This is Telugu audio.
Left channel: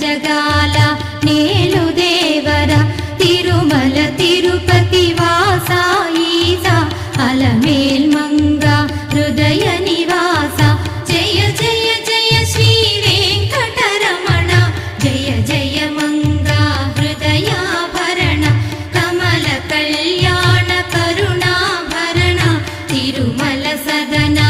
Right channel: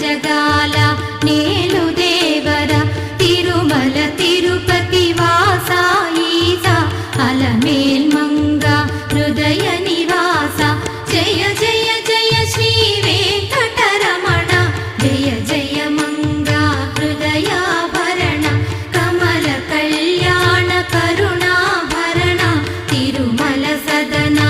జగాల నేలు దేవర తిరుమల తిరుపతి వాసా ఈసా అలమేల్ మంగ హృదయ నివాస జయ జయ జయ శ్రీ వెంకటరమణ జయ జయ మంగ హృదయాభరణ కమల కళ్యాణ కరుణాభరణ తిరుమల సదనా